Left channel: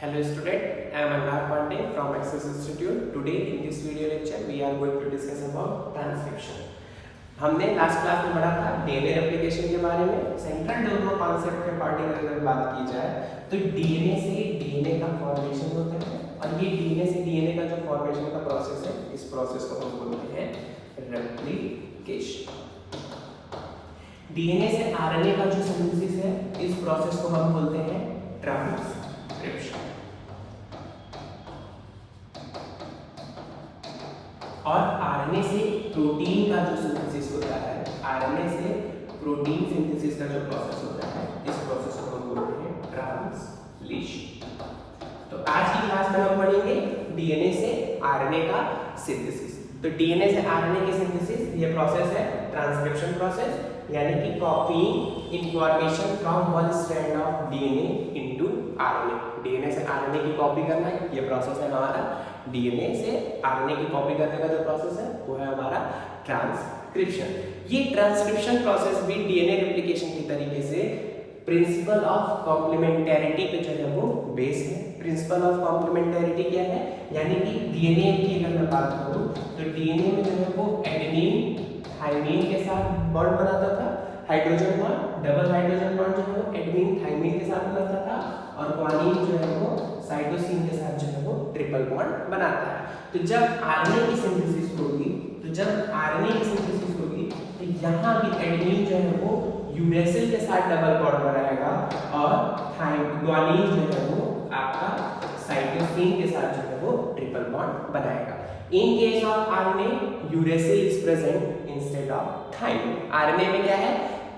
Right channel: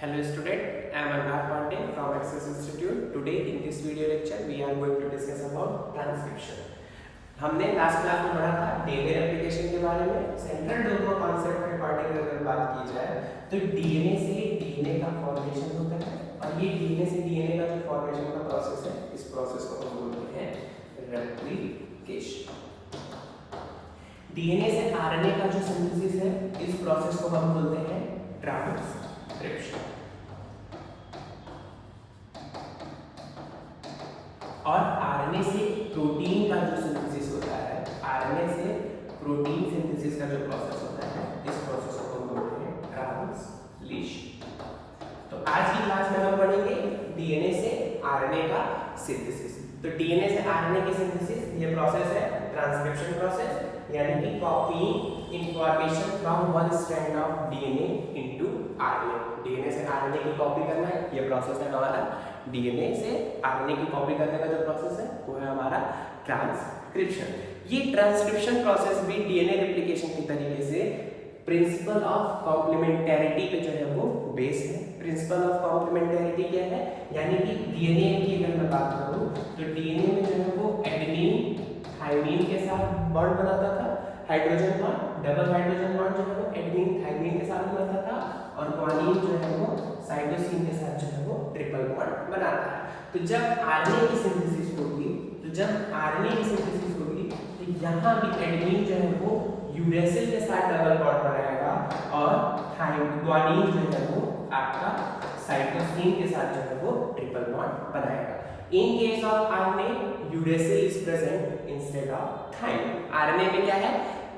Hello student, I am Anurag Pandey from Access Institute. Today in this video lecture we are going to discuss about transcription. हमने last class में पढ़ा था DNA replication के बारे में। Central dogma concept के particular अगर बात की जाए तो डीएनए से डीएनए का फॉर्मेशन होता है और ये डीएनए से डीएनए का जो फॉर्मेशन का प्रोसेस है, इस प्रोसेस को हम बोलते हैं रेप्लिकेशन। डीएनए से आरएनए का जो सिंथेसिस है, इस प्रोसेस को हम बोलते हैं ट्रांसक्रिप्शन। और आरएनए से प्रोटीन का जो सिंथेसिस होता है, आरएनए से प्रोटीन सिंथेसिस का जो प्रोसेस होता है, इस प्रोसेस को हम बोलते हैं ट्रांसलेशन। तो आज की क्लास में हम पढ़ेंगे डीएनए से आरएनए का सिंथेसिस। तो डीएनए से आरएनए की सिंथेसिस, ये प्रोसेस है ट्रांसक्रिप्शन प्रोसेस, यानी कि copying information from one strand of DNA into RNA. DNA से आरएनए की कॉपी करना है, ये प्रोसेस है हमारा। डीएनए से आरएनए की कॉपी करने का जो प्रोसेस है वो है हमारा ट्रांसक्रिप्शन। ये ट्रांसक्रिप्शन प्रोसेस भी डीएनए रेप्लिकेशन के तरीके से प्रिंसिपल ऑफ कॉम्प्लीमेंटेरिटी पे जो है वो बेस है। प्रिंसिपल ऑफ कॉम्प्लीमेंटेरिटी क्या है, यानी कि डीएनए की अगर मैं बात करूं तो डीएनए में जो है वो एडेनिन थाइमिन के साथ बॉन्ड बनाता था, hydrogen bond, double hydrogen bond जो है वो एडेनिन थाइमिन के साथ बनाता था, और ग्वानिन जो है वो साइटोसिन के साथ जो है वो ट्रिपल बॉन्ड बनाता है। तो जब आरएनए की सिंथेसिस होगी, तो यहाँ भी एडेनिन जो है वो यूरेसिल के साथ डबल बॉन्ड बनाएगा और ग्वानिन जो है वो आपका साइटोसिन के साथ जो है वो ट्रिपल बॉन्ड बनाएगा। In case of RNA uracil is present instead of thymine. RNA में क्या है,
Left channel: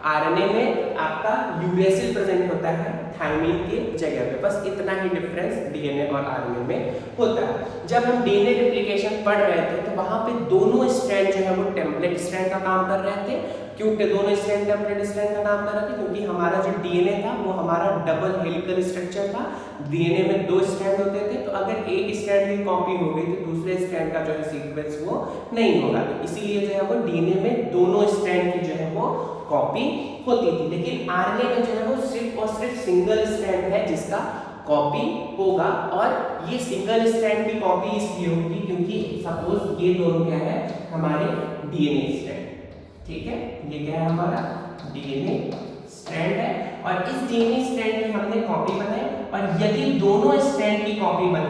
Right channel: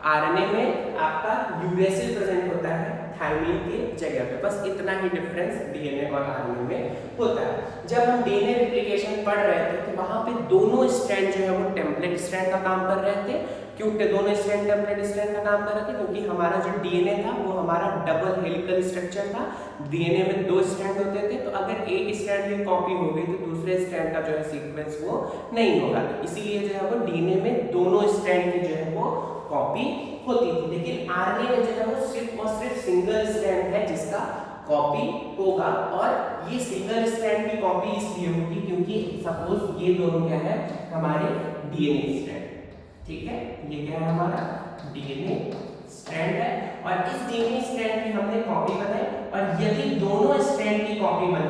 आरएनए में आपका यूरेसिल प्रेजेंट होता है थाइमिन के जगह पे। बस इतना ही डिफरेंस डीएनए और आरएनए में होता है। जब हम डीएनए रेप्लिकेशन पढ़ रहे थे तो वहां पे दोनों स्ट्रैंड जो है वो टेम्पलेट स्ट्रैंड का काम कर रहे थे। क्यों कि दोनों स्ट्रैंड टेम्पलेट स्ट्रैंड का काम कर रहे थे? क्योंकि हमारा जो डीएनए था वो हमारा डबल हेलिकल स्ट्रक्चर था। डीएनए में दो स्ट्रैंड होते थे, तो अगर एक स्ट्रैंड की कॉपी हो गई तो दूसरे स्ट्रैंड का जो है सीक्वेंस वो नहीं होगा। तो इसीलिए जो है वो डीएनए में दोनों स्ट्रैंड की जो है वो कॉपी होती थी। लेकिन आरएनए में जो है वो सिर्फ और सिर्फ सिंगल स्ट्रैंड है जिसका कॉपी होगा, और ये सिंगल स्ट्रैंड की कॉपी इसलिए होगी क्योंकि सपोज ये दोनों क्या है, हमारे डीएनए स्ट्रैंड, ठीक है, ये क्या है हमारा डीएनए स्ट्रैंड है, और इस डीएनए स्ट्रैंड की हमने कॉपी बनाई। और यदि दोनों स्ट्रैंड की कॉपी बन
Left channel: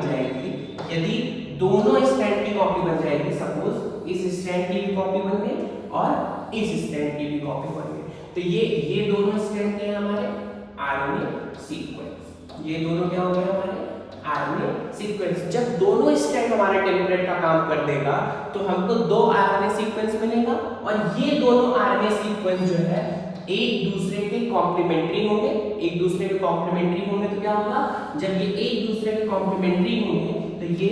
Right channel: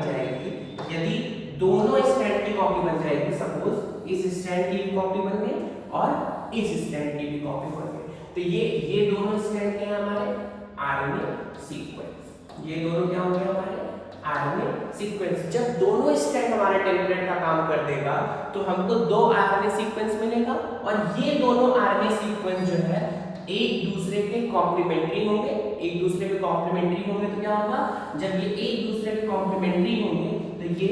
जाएगी, सपोज इस स्ट्रैंड की भी कॉपी बन गई और इस स्ट्रैंड की भी कॉपी बन गई, तो ये दोनों स्ट्रैंड क्या है हमारे आरएनए सीक्वेंस। ये दोनों क्या हो गए हमारे आरएनए सीक्वेंस। जब दोनों स्ट्रैंड हमारे टेम्पलेट का काम कर देगा तो हमको दो आरएनए सीक्वेंस मिलेगा, और ये दोनों आरएनए सीक्वेंस जो है एक दूसरे के कॉम्प्लीमेंट्री होंगे। तो क्या होगा, जब ये एक दूसरे के कॉम्प्लीमेंट्री होंगे तो ये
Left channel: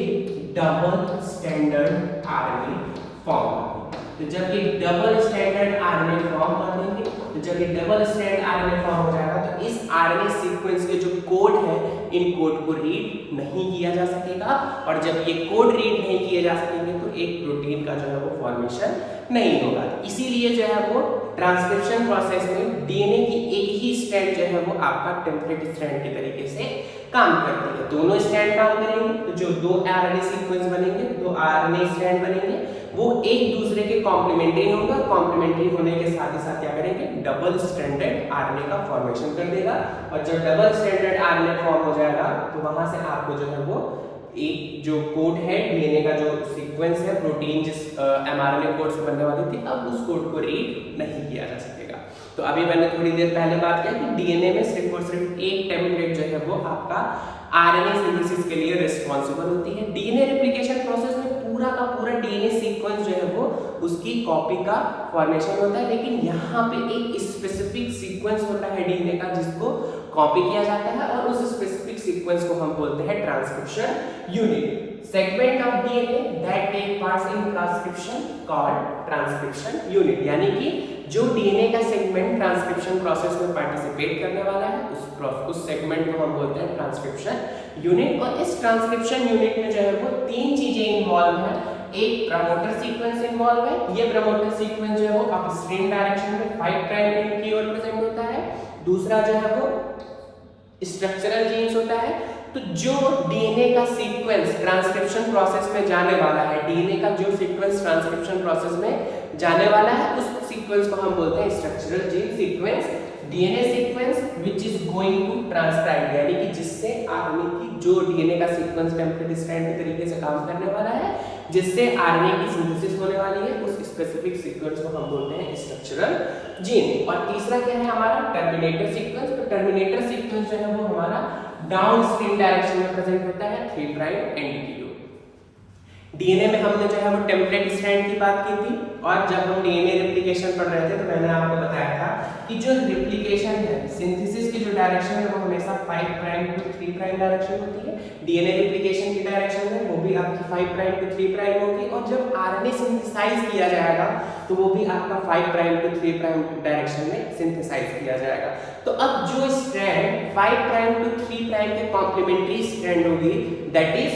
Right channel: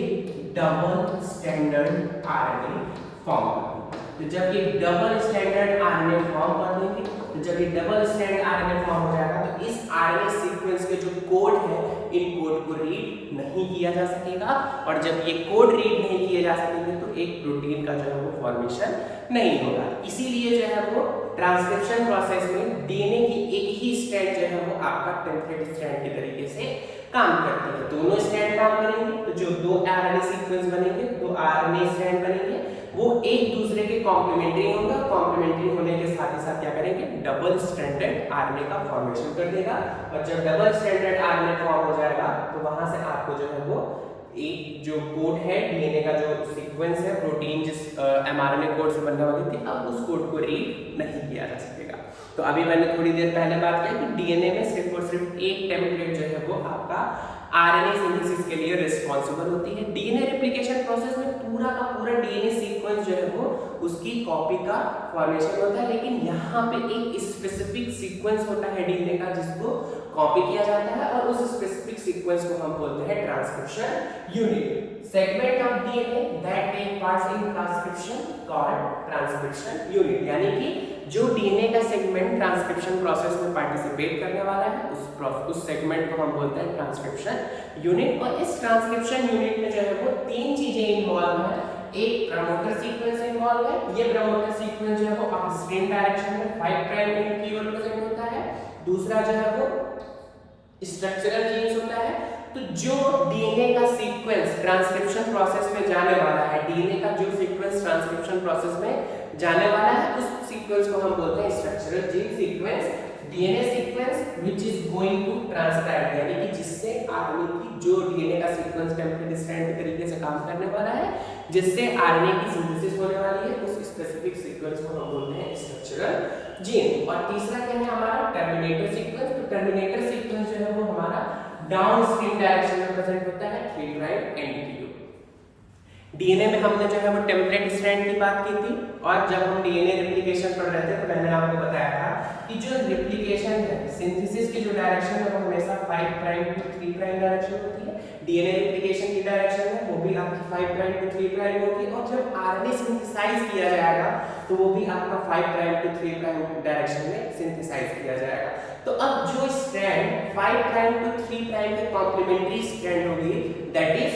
डबल स्टैंडर्ड आरएनए फॉर्म करेंगे। तो जब ये डबल स्टैंडर्ड आरएनए फॉर्म कर देंगे, तो जब ये डबल स्टैंड आरएनए फॉर्म हो जाएगा तो इस आरएनए सीक्वेंस के जो कोड है, इन कोड को रीड नहीं किया जा सकेगा, और जब ये कोड रीड नहीं किए जा सकेंगे तो एक प्रोटीन का जो है वो फॉर्मेशन नहीं होगा। इसीलिए जो है वो ट्रांसक्रिप्शन प्रोसेस में डीएनए की एक ही स्ट्रैंड जो है वो आपका टेम्पलेट स्ट्रैंड के तरीके से काम करती है। दोनों स्ट्रैंड काम करेंगे तो जो दो आरएनए सीक्वेंस बनेंगे, दो आरएनए स्ट्रैंड बनेंगे, वो एक दूसरे के कॉम्प्लीमेंट्री होंगे। कॉम्प्लीमेंट्री होने के साथ ही साथ क्या करेंगे, डबल स्टैंडर्ड आरएनए का फॉर्मेशन कर देगा। और जब डबल स्टैंडर्ड आरएनए फॉर्म हो जाएगा तो वहां से आपको जो है वो एक जो कोड है, डीएनए का जो सीक्वेंस है, प्रोटीन जिस एमआरएनए कोड से बनने वाली थी, अब उस कोड को रीड नहीं किया जा सकेगा। तो अभी मैंने थोड़ी देर पहले बात किया कि डीएनए में सिर्फ और सिर्फ एक टेम्पलेट जो है वो आपका आरएनए सिंथेसिस के लिए रिस्पांसिबल होती है। डीएनए रेप्लिकेशन प्रोसेस में पूरा का पूरा डीएनए सीक्वेंस जो है वो उसकी कॉपी का फॉर्मेशन होता है, लेकिन यहाँ पे एक स्पेसिफिक सीक्वेंस होता है डीएनए का जिसको कॉपी किया जाता है, और उस स्पेसिफिक सीक्वेंस को हम बोलते हैं transcription unit. Segment of DNA that take part in transcription called transcription unit, यानी कि जो डीएनए का सेगमेंट ट्रांसक्रिप्शन प्रोसेस में पार्टिसिपेट करने वाला है उस सेगमेंट को हम बोलते हैं ट्रांसक्रिप्शन यूनिट। और इस ट्रांसक्रिप्शन यूनिट में जो है वो तीन चीजें इन्वॉल्व है। एक प्रमोटर सीक्वेंस इन्वॉल्व है, ये प्रमोटर सीक्वेंस जो है वो अपस्ट्रीम डायरेक्शन में 5 प्राइम एंड की ओर प्रेजेंट होता है। दूसरा जो है वो स्ट्रक्चरल जीन्स होता है, तो जो डीएनए का सीक्वेंस ट्रांसक्रिप्शन प्रोसेस में जाने वाला है, डीएनए का जो सीक्वेंस ट्रांसक्रिप्शन प्रोसेस में जाने वाला है, उस सीक्वेंस को हम बोलते हैं structural gene sequence, DNA sequence which is going to transcribe, यानी कि जिससे आरएनए की जो डीएनए का सीक्वेंस टेम्पलेट स्ट्रैंड के तरीके से काम करने वाला है, जिससे आरएनए की सिंथेसिस होने वाली है, उस स्पेसिफिक सीक्वेंस को हम बोलते हैं स्ट्रक्चरल जीन। और तीसरा क्या है हमारा टर्मिनेटर सीक्वेंस। तो टर्मिनेटर सीक्वेंस जो है वो हमारा डाउनस्ट्रीम डायरेक्शन में प्रेजेंट होता है 3' एंटीटीओ। डीएनए में हमने जो है वो टेम्पलेट स्ट्रैंड की बात की थी, और जब हम डीएनए रेप्लिकेशन पढ़ रहे थे तो मैंने आपको बताया था कि जो रेप्लिकेशन है, सिंथेसिस की जो डायरेक्शन है वो हमेशा 5' टू 3' डायरेक्शन होती है। डीएनए रेप्लिकेशन की डायरेक्शन है वो भी आपकी 5' टू 3' होगी, और जब आरएनए सिंथेसाइज किया जाएगा तो वो भी आपका 5' टू 3' डायरेक्शन में सिंथेसाइज किया जाएगा। तो अब जो स्ट्रैंड 5' टू 3' के कॉम्प्लीमेंट्री स्ट्रैंड होगी, दैट इज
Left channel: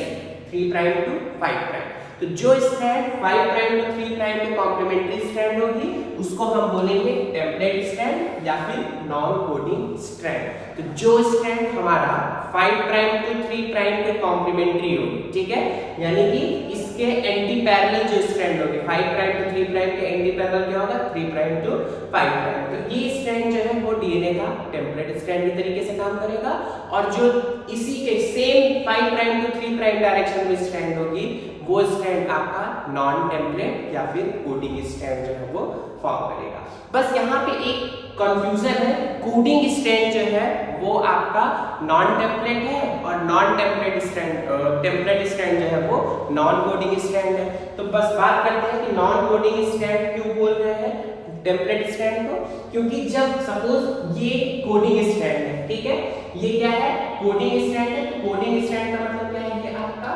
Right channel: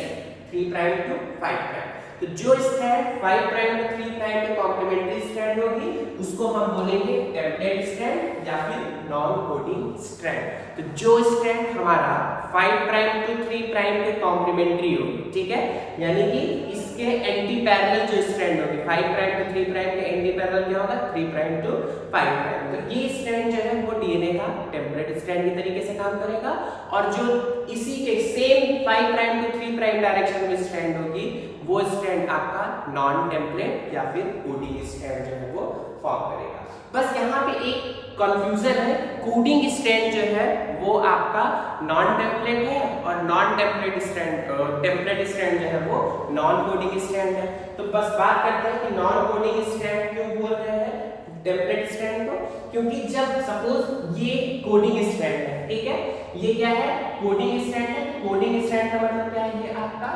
3' टू 5'। तो जो स्ट्रैंड 5' टू 3' के कॉम्प्लीमेंट्री स्ट्रैंड होगी उसको हम बोलेंगे टेम्पलेट स्ट्रैंड या फिर नॉन कोडिंग स्ट्रैंड। तो जो स्ट्रैंड हमारा 5' टू 3' के कॉम्प्लीमेंट्री होगी, ठीक है, यानी कि इसके एंटी पैरेलल जो स्ट्रैंड होगी 5' टू 3' के एंटी पैरेलल क्या होगा 3' टू 5'। तो ये स्ट्रैंड जो है वो डीएनए का टेम्पलेट स्ट्रैंड के तरीके से काम करेगा, और जो इसी के सेम 5' टू 3' डायरेक्शन में स्ट्रैंड होगी वो स्ट्रैंड आपका नॉन टेम्पलेट या फिर कोडिंग स्ट्रैंड जो है वो फॉर्म करेगा। बस यहाँ पे एक कंफ्यूजन है, कोडिंग स्ट्रैंड जो है वो आपका नॉन टेम्पलेट है, और non template strand template strand जो है वो नॉन कोडिंग स्ट्रैंड है। तो बस बात करते हैं कि नॉन कोडिंग स्ट्रैंड क्यों बोल रहे हैं टेम्पलेट स्ट्रैंड को, क्योंकि जब सपोज ये कोडिंग स्ट्रैंड है, ठीक है, ये क्या है कोडिंग स्ट्रैंड है। कोडिंग स्ट्रैंड का मतलब क्या है, ये आपका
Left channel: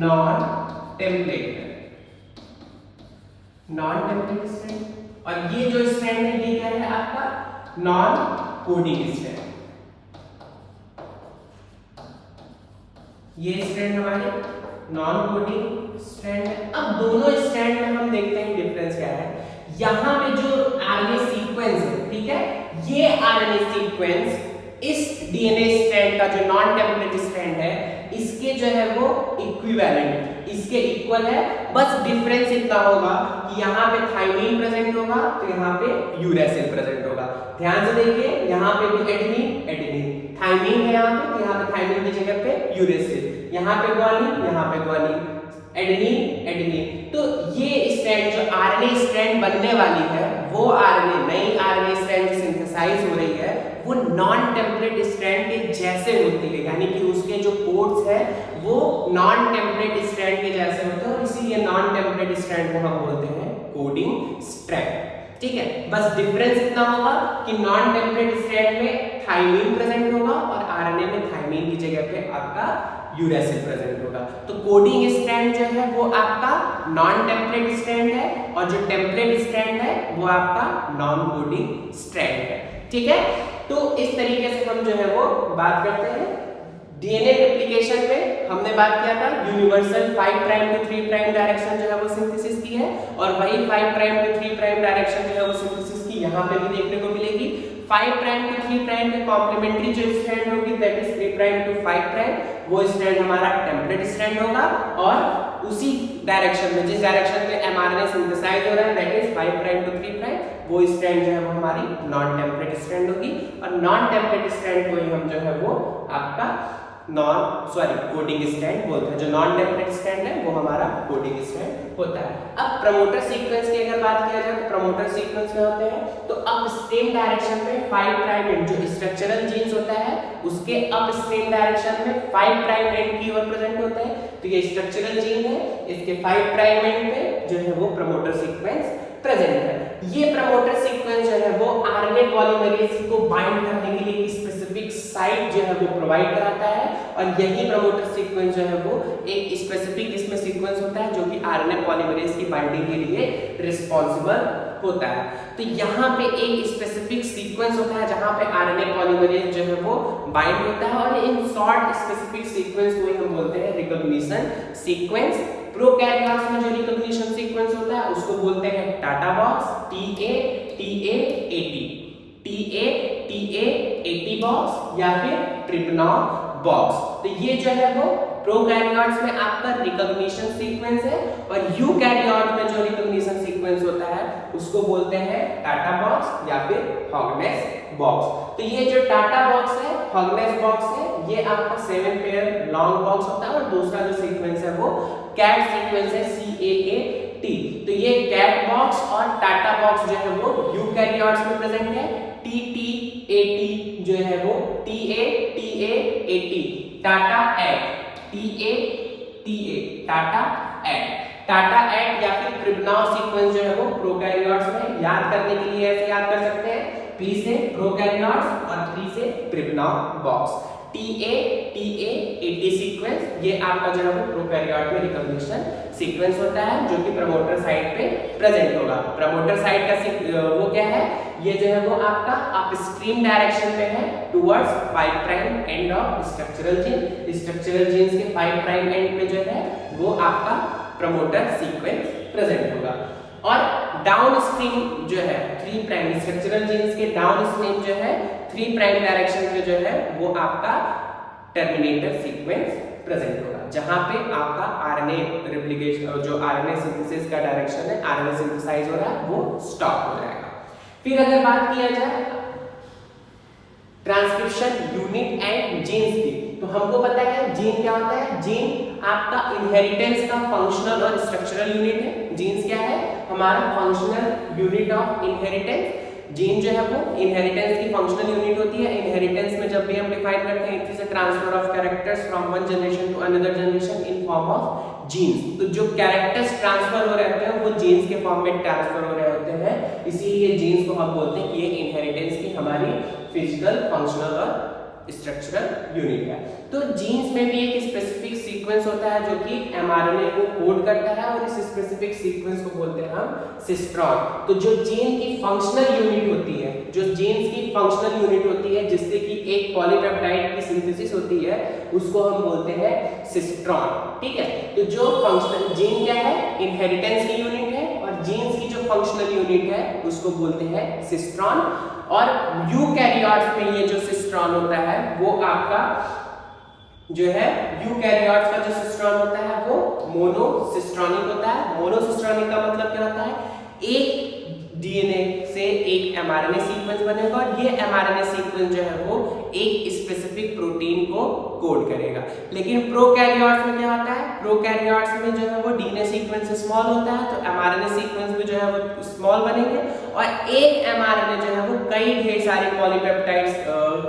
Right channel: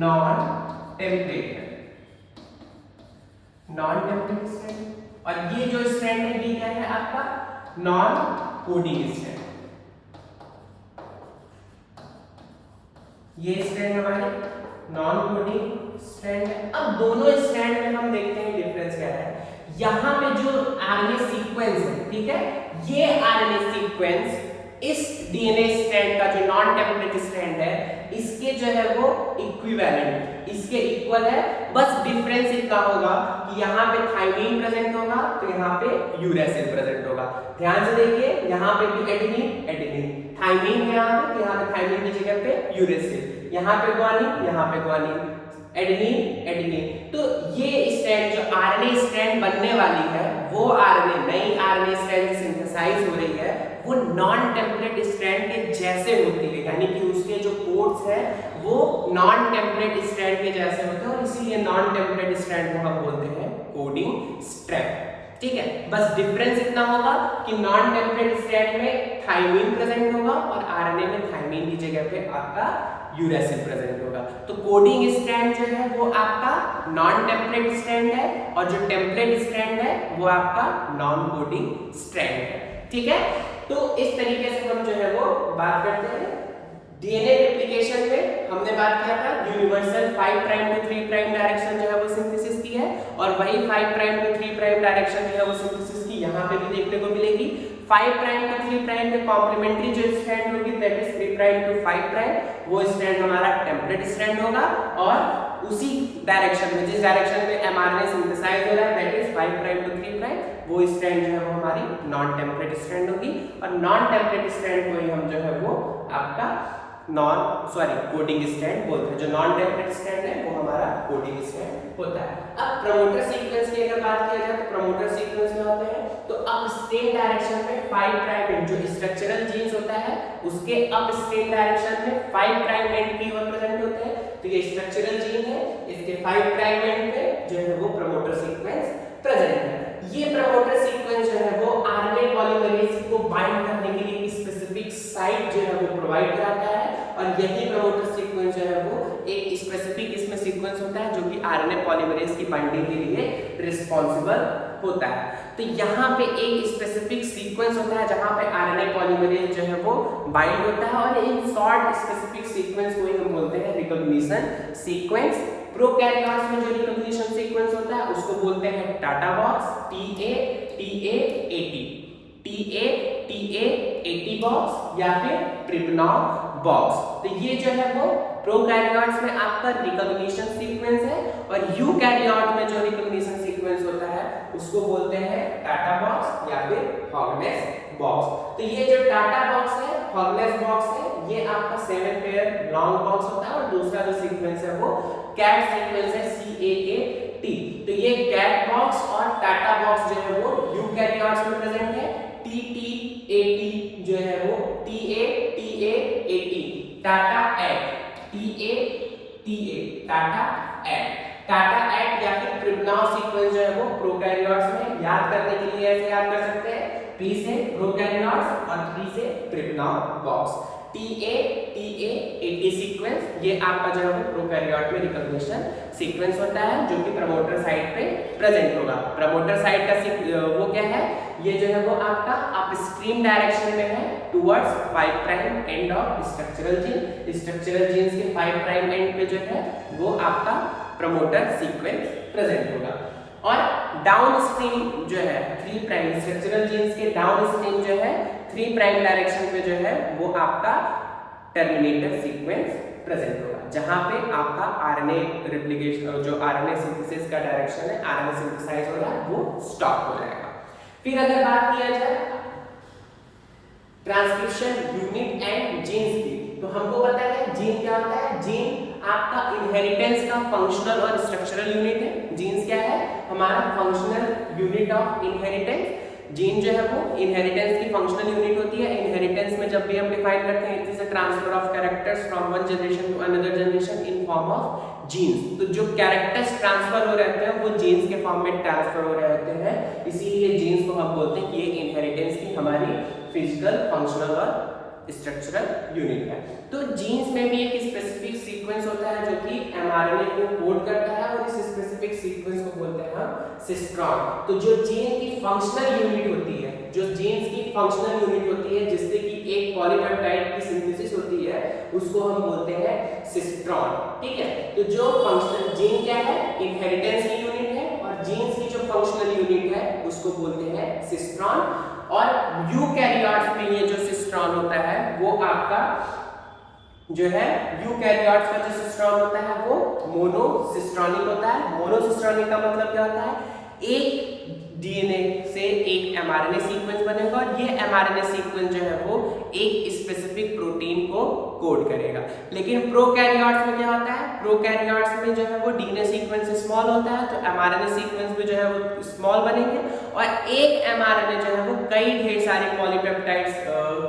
नॉन टेम्पलेट है, नॉन टेम्पलेट स्ट्रैंड, और ये जो स्ट्रैंड है ये क्या है आपका नॉन कोडिंग स्ट्रैंड। ये स्ट्रैंड हमारे नॉन कोडिंग स्ट्रैंड है। अब दोनों स्ट्रैंड में हम देखते हैं डिफरेंस क्या है। यहां पे जो आरएनए सीक्वेंस है, ठीक है, ये आरएनए सीक्वेंस इस डीएनए स्ट्रैंड का जो नॉन टेम्पलेट स्ट्रैंड है इसके जो है वो इक्विवेलेंट, इसके इक्वल है। बस डिफरेंस इतना होगा कि यहाँ पे थाइमीन प्रेजेंट होगा तो यहाँ पे यूरेसिल प्रेजेंट होगा। ध्यान से देखिए, यहाँ पे भी एडेनिन एडेनिन, थाइमीन है यहाँ पे, तो यहाँ पे थाइमीन की जगह पे यूरेसिल, यहाँ पे ग्वानिन, यहाँ पे ग्वानिन, एडेनिन एडेनिन। तो ये स्ट्रैंड जो आरएनए स्ट्रैंड बनने वाली है वो आरएनए नई आरएनए स्ट्रैंड सिंथेसाइज हो रही है वो नॉन टेम्पलेट स्ट्रैंड के जैसे होती है, यानी कि उसके जो कोड्स है वो नॉन टेम्पलेट स्ट्रैंड के जैसे होते हैं, और इसीलिए नॉन टेम्पलेट स्ट्रैंड को हम बोलते हैं कोडिंग स्ट्रैंड। ठीक है, बस डिफरेंस इतना होगा कि नॉन टेम्पलेट स्ट्रैंड में थाइमीन प्रेजेंट होगा और आरएनए में थाइमीन की जगह पे आपका यूरेसिल प्रेजेंट होगा। तो कोडिंग स्ट्रैंड जो है वो आपका नॉन टेम्पलेट स्ट्रैंड है, और जो टेम्पलेट स्ट्रैंड है वो आपका नॉन कोडिंग स्ट्रैंड है। ठीक है, तो इस तरीके से हम जो है वो बात करते हैं। डीएनए रेप्लिकेशन में हमने बात किया था यूनिवर्सल 5' टू 3' डायरेक्शन जो है वो सिंथेसिस की है, और वही 5' टू 3' डायरेक्शन जो है वो सिंथेसिस की यहाँ पे भी देखने को मिलेगी। 5' टू 3' में कॉम्प्लीमेंट्री जो स्ट्रैंड होगी दैट इज 3' टू 5', वो स्ट्रैंड हमारा टेम्पलेट स्ट्रैंड होगा, और उसी डायरेक्शन में जिस डायरेक्शन में एमआरएनए सिंथेसाइज हो रहा है दैट इज 5' टू 3', वो स्ट्रैंड जो है वो हमारी नॉन टेम्पलेट स्ट्रैंड होगी, और नॉन टेम्पलेट स्ट्रैंड को ही हम जो है वो आपका कोडिंग स्ट्रैंड बोलते हैं। जो नॉन टेम्पलेट स्ट्रैंड है वो हमारा कोडिंग स्ट्रैंड होता है। अब प्रमोटर सीक्वेंस की अगर बात किया जाए तो प्रमोटर सीक्वेंस क्या होते हैं, तो अपस्ट्रीम डायरेक्शन में 5' एंड जो स्ट्रक्चरल जीन्स होता है उसके अपस्ट्रीम डायरेक्शन में 5' एंड की ओर प्रेजेंट होता है। तो ये स्ट्रक्चरल जीन है, इसके 5' एंड पे जो है वो प्रमोटर सीक्वेंस प्रेजेंट है। ये प्रमोटर सीक्वेंस जो है वो आरएनए पॉलीमरेज को बाइंड करने के लिए स्पेसिफिक साइट जो है वो प्रोवाइड कराता है, और यही प्रमोटर सीक्वेंस जो है वो एक स्पेसिफिक इसमें सीक्वेंस होता है जो कि आरएनए पॉलीमरेज की बाइंडिंग के लिए रिस्पांसिबल होता है। तो यहाँ पे एक स्पेसिफिक सीक्वेंस होता है जहाँ पे आरएनए पॉलीमरेज जो है वो बाइंड होता है, और इन शॉर्ट स्पेसिफिक सीक्वेंस को ही हम बोलते हैं रिकॉग्निशन सीक्वेंस। प्रोकैरियोट्स में जो रिकॉग्निशन सीक्वेंस होता है उसको बोलते हैं TATA box, TA, TA, AT। TA 80 box या फिर ट्रिप्नॉन बॉक्स। तो ये जो है वो प्रोकैरियोट्स में आपका रिकॉग्निशन सीक्वेंस है, और यूकैरियोट में जो रिकॉग्निशन सीक्वेंस होता है उसको बोलते हैं टाटा बॉक्स या फिर हॉगनेस बॉक्स। तो ये जो टाटा बॉक्स है, हॉगनेस बॉक्स है, ये आपका 7 पेयर लॉन्ग बॉक्स होता है, और दूसरा जो सीक्वेंस है वो कैट सीक्वेंस है, CAAT। तो ये कैट बॉक्स और टाटा बॉक्स जो है वो यूकैरियोट्स में प्रेजेंट है। TTAT जो है वो TAAT टाटा एट, टाटा एट या फिर ट्रिप्नॉन सीक्वेंस जो है वो प्रोकैरियोट्स में। याद करने के लिए ऐसे याद कर सकते हैं, P से प्रोकैरियोट्स और T से ट्रिप्नॉन बॉक्स। TA सीक्वेंस ये आपका जो है वो प्रोकैरियोट में रिकॉग्निशन सीक्वेंस होता है, जो कि प्रमोटर साइड पे प्रेजेंट होगा। प्रमोटर साइड का वो क्या है, ये जो है वो आपका अपस्ट्रीम डायरेक्शन में है towards 5 prime end of structural gene. Structural genes के 5 प्राइम एंड पे जो है वो आपका प्रमोटर सीक्वेंस प्रेजेंट होगा। और डाउन स्ट्रीम जो है 3 प्राइम स्ट्रक्चरल जीन्स के डाउन स्ट्रीम जो है 3 प्राइम डायरेक्शन पे जो है वो आपका टर्मिनेटर सीक्वेंस प्रेजेंट होगा, जहां पे आपका आरएनए रेप्लिकेशन जो आरएनए सिंथेसिस का डायरेक्शन है, आरएनए सिंथेसाइज हो रहा है, वो स्टॉप हो जाएगा। फिर अगर बात किया जाए ट्रांसक्रिप्शन यूनिट एंड जीन्स की, तो हमको पता है जीन क्या होता है। जीन आपका इनहेरिटेंस का फंक्शनल और स्ट्रक्चरल यूनिट है। जीन्स क्या है, हमारा functional unit of inheritance. Gene जो है वो इनहेरिटेंस की फंक्शनल यूनिट होती है। इनहेरिटेंस में जब भी हम डिफाइन करते हैं, it is a transfer of characters from one generation to another generation in form of genes. तो जो कैरेक्टर्स ट्रांसफर हो रहे हैं वो जीन्स के फॉर्म में ट्रांसफर हो रहे होते हैं, इसीलिए जीन्स को हम बोलते हैं कि ये इनहेरिटेंस की हमारी फिजिकल, फंक्शनल और स्ट्रक्चरल यूनिट है। तो जीन्स में भी एक स्पेसिफिक सीक्वेंस होता है जो कि एमआरएनए को कोड करता है, और इस स्पेसिफिक सीक्वेंस को बोलते हैं हम सिस्ट्रॉन। तो जो जीन की फंक्शनल यूनिट होती है, जो जीन्स की फंक्शनल यूनिट होती है जिससे कि एक पॉलीपेप्टाइड की सिंथेसिस होती है, उसको हम बोलते हैं सिस्ट्रॉन। ठीक है, तो जो फंक्शनल जीन क्या है, इनहेरिटेंस की यूनिट है, और जीन्स की जो फंक्शनल यूनिट है उसको बोलते हैं सिस्ट्रॉन। और यूकैरियोट्स में ये जो सिस्ट्रॉन होता है वो आपका जो है, यूकैरियोट्स का जो सिस्ट्रॉन होता है वो मोनोसिस्ट्रॉनिक होता है। मोनोसिस्ट्रॉनिक का मतलब क्या होता है, एक डीएनए से एक एमआरएनए सीक्वेंस बनेगा, और ये एमआरएनए सीक्वेंस जो है वो एक स्पेसिफिक प्रोटीन को कोड करेगा। लेकिन प्रोकैरियोट्स में क्या होता है, प्रोकैरियोट्स में जो है वो डीएनए सीक्वेंस स्मॉल होता है, तो एमआरएनए सीक्वेंस भी जो है वो स्मॉल बनेंगे, और एक एमआरएनए जो है वो कई ढेर सारे पॉलीपेप्टाइड्स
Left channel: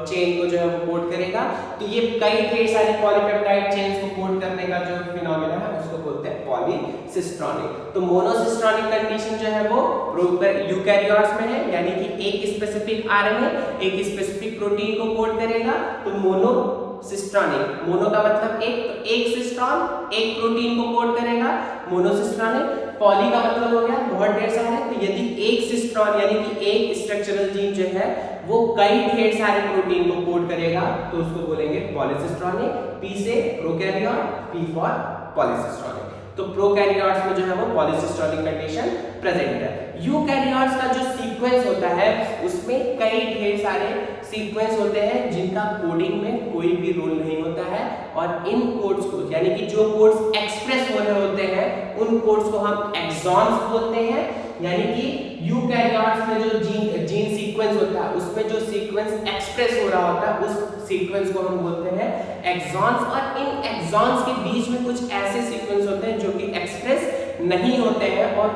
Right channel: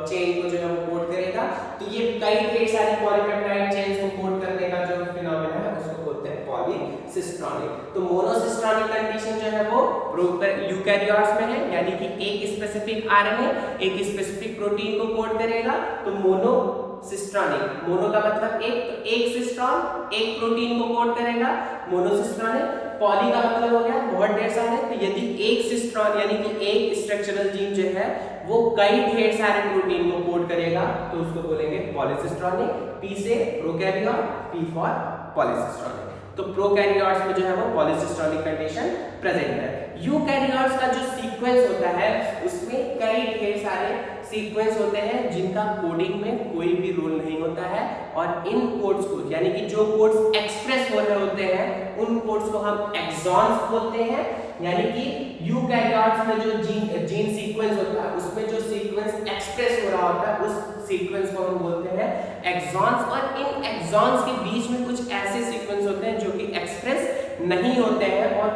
चेन को जो है वो कोड करेगा। तो ये कई ढेर सारे पॉलीपेप्टाइड चेन्स को कोड करने का जो फिनोमेना है उसको बोलते हैं पॉलीसिस्ट्रॉनिक। तो मोनोसिस्ट्रॉनिक कंडीशन जो है वो यूकैरियोट्स में है, यानी कि एक स्पेसिफिक आरएनए एक स्पेसिफिक प्रोटीन को कोड करेगा, तो मोनोसिस्ट्रॉनिक। मोनो का मतलब एक, तो एक सिस्ट्रॉन एक प्रोटीन को कोड करेगा, मोनोसिस्ट्रॉनिक। पॉली का मतलब हो गया बहुत ढेर सारे, तो यदि एक सिस्ट्रॉन यानी कि एक स्ट्रक्चरल जीन जो है वो कई ढेर सारे प्रोटीन को कोड करेगा, तो उसको बोलेंगे पॉलीसिस्ट्रॉनिक। पी से प्रोकैरियोट, पी फॉर पॉलीसिस्ट्रॉनिक। तो प्रोकैरियोट्स में जो है वो पॉलीसिस्ट्रॉनिक कंडीशन प्रेजेंट है। यूकैरियोट्स का जो सीक्वेंस होता है उसमें कई ढेर सारे सीक्वेंस होते हैं जिनका कोडिंग में कोई भी रोल नहीं होता है, और इन कोड्स को यानी कि जो कोड्स एक्सप्रेस हो रहे होते हैं उन कोड्स को हम एक्सॉन्स बोलते हैं। यानी कि यूकैरियोट्स में जो जीन सीक्वेंस होता है उसमें जो सीक्वेंस एक्सप्रेस हो रहा होता है उस सीक्वेंस को हम बोलते हैं एक्सॉन्स, और इन एक्सॉन्स के बीच में कुछ ऐसे सीक्वेंस होते हैं जो कि एक्सप्रेस नहीं होते हैं, और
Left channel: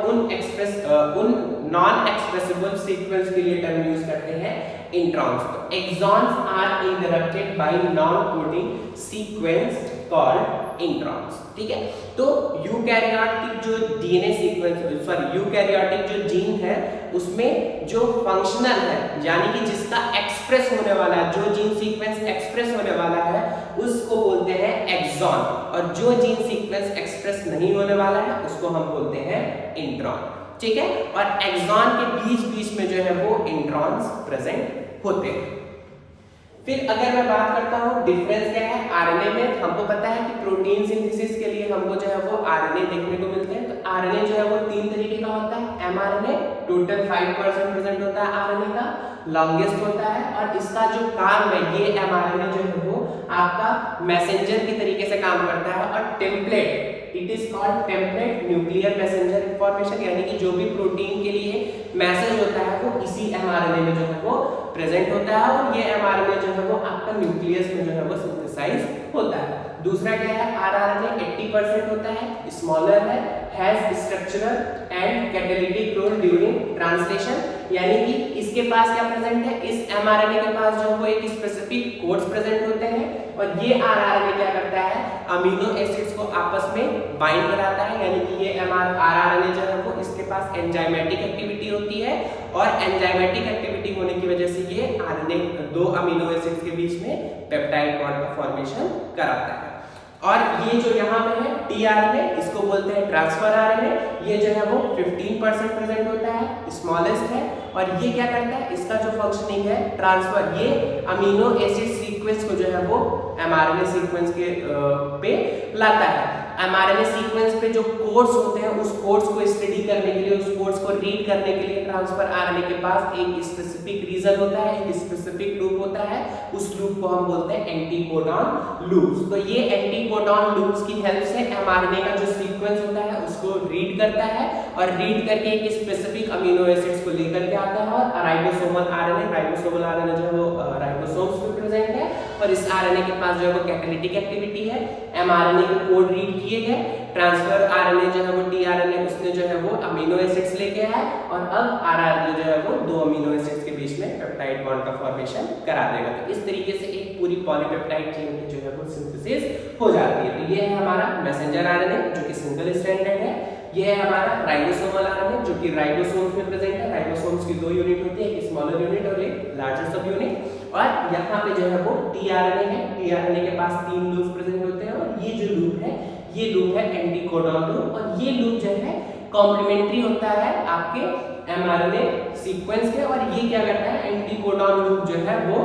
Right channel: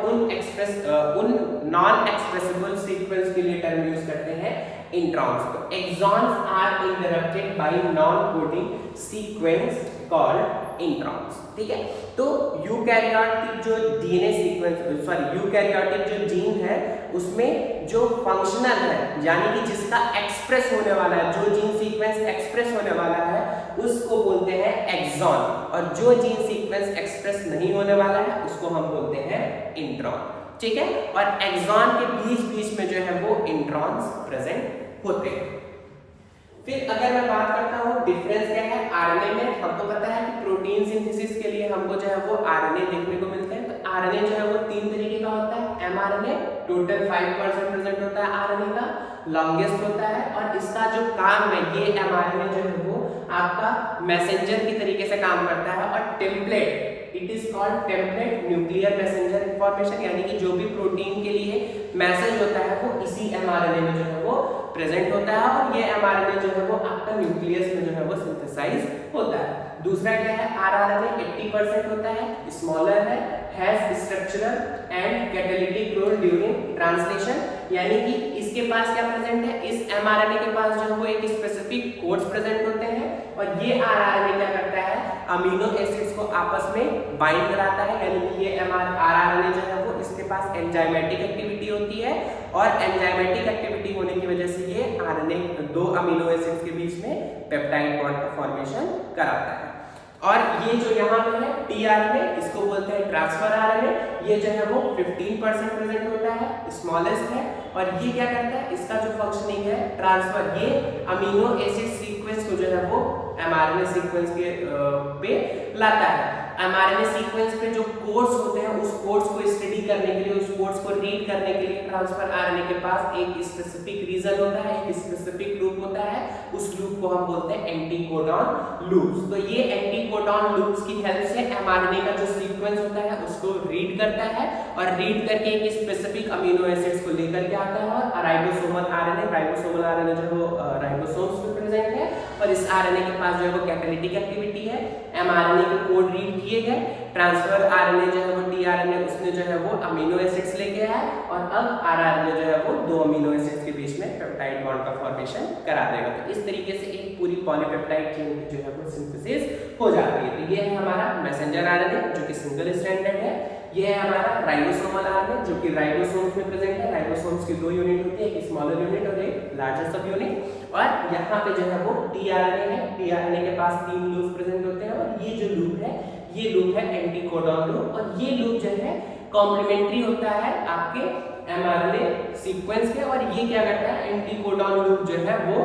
उन नॉन एक्सप्रेसिबल सीक्वेंस के लिए टर्म यूज करते हैं इंट्रॉन्स। तो exons are interrupted by non coding sequence called introns. ठीक है, तो यूकैरियोटिक जो डीएनए सीक्वेंस यूकैरियोटिक जो जीन है उसमें जो फंक्शनल है यानी कि जिसका एक्सप्रेस होने वाला है, जो जीन सीक्वेंस एक्सप्रेस होने वाला है उसको बोलते हैं एक्सॉन, और जो जीन सीक्वेंस एक्सप्रेस नहीं होने वाला है उसको हम बोलते हैं इंट्रॉन। ठीक है, और एक्सॉन के बीच बीच में जो है वो इंट्रॉन्स प्रेजेंट होते हैं। फिर अगर मैं बात करता हूँ डिफरेंस क्या है आरएनए में, हमको पता है कि प्रोटीन सिंथेसिस के लिए हमको जो है वो आरएनए देखने को मिलते हैं। तो आरएनए जो है वो 3 तरीके का होता है, एमआरएनए, टोटल 5% प्रेजेंट होता है आरएनए का, लॉन्गेस्ट होता है और इसका जो काम है ये एमआरएनए जो है वो आपका मैसेंजर की तरीके से काम करता है और template, it is called template nuclear messenger information, यानी कि जो भी प्रोटीन के लिए मैसेज होता है वो इसी एमआरएनए में जो है वो प्रेजेंट होता है और ये एमआरएनए जो है वो आपका न्यूक्लियस में जो है वो सिंथेसाइज होता है। दूसरा क्या है, आरआरएनए 80% होता है, स्मॉलर है, has structural and catalytic role during translation, यानी कि इसके पास क्या प्रेजेंट है, इस एमआरएनए के पास जो है वो एक स्पेसिफिक कोड्स प्रेजेंट होते हैं और ये आरआरएनए क्या करता है, अमीनो एसिड्स को आपस में बाइंड कराता है, यानी कि ये आरआरएनए जो है वो इसके पास एंजाइमेटिक एक्टिविटी होती है और एंजाइमेटिक एक्टिविटी होने की वजह से ये आरएनए दो अमीनो एसिड्स के बीच में पेप्टाइड बॉन्ड का फॉर्मेशन कराता है। और ये जो यहाँ पे है टीआरएनए, इसको बोलते हैं ट्रांसफर आरएनए, ये जो है वो 15% प्रेजेंट होता है, स्मॉलेस्ट है और ये क्या करता है, इसका जो फंक्शनिंग है ट्रांसफर, ये अमीनो एसिड सीक्वेंस को जो है वो एमआरएनए सीक्वेंस के पे लाता है। एमआरएनए सीक्वेंस पे जो कोड्स होते हैं उस कोड्स को स्टडी करने के लिए, उस कोड्स को रीड करने के लिए ट्रांसफर आरएनए के पास एक स्पेसिफिक रीजन होता है, एक स्पेसिफिक लूप होता है, उस लूप को हम बोलते हैं एंटीकोडॉन लूप्स। तो ये एंटीकोडॉन लूप्स की हेल्प से एमआरएनए का जो सीक्वेंस होता है उसको रीड करता है और रीड करके एक स्पेसिफिक अमीनो एसिड्स को लेकर के आता है और राइबोसोमल आरएनए जो है वो राइबोसोम्स में प्रेजेंट है और इस आरएनए के पास जो है वो कैटालिटिक एक्टिविटी है, एमआरएनए के कोड रीड किए गए, ट्रांसफर आरएनए जो है वो टीआरएनए उसने जो है वो अमीनो एसिड्स लेके आया और अब आरआरएनए जो है वो दो अमीनो एसिड्स के बीच में पेप्टाइड बॉन्ड का फॉर्मेशन करा देगा। तो इस तरीके से एक पूरी पॉलीपेप्टाइड चेन की जो है वो सिंथेसिस हो जाती है। तो ये है हमारा मैसेंजर आरएनए जो कि सिंगल स्ट्रैंडेड है, ये है हमारा राइबोसोमल आरएनए जो कि राइबोसोम्स में प्रेजेंट है। राइबोसोम्स की दो यूनिट होती है, एक स्मॉलर यूनिट और एक लार्जर सब यूनिट। और यहाँ पे जो है वो टीआरएनए है, टीआरएनए के पास 3 लूप प्रेजेंट होते हैं और ये जो लूप है ये लूप है एंटीकोडॉन लूप और ये लूप जो है कॉम्प्लीमेंट्री होता है आपके एमआरएनए सीक्वेंस के और ये क्या करता है, एंटीकोडॉन लूप जो है वो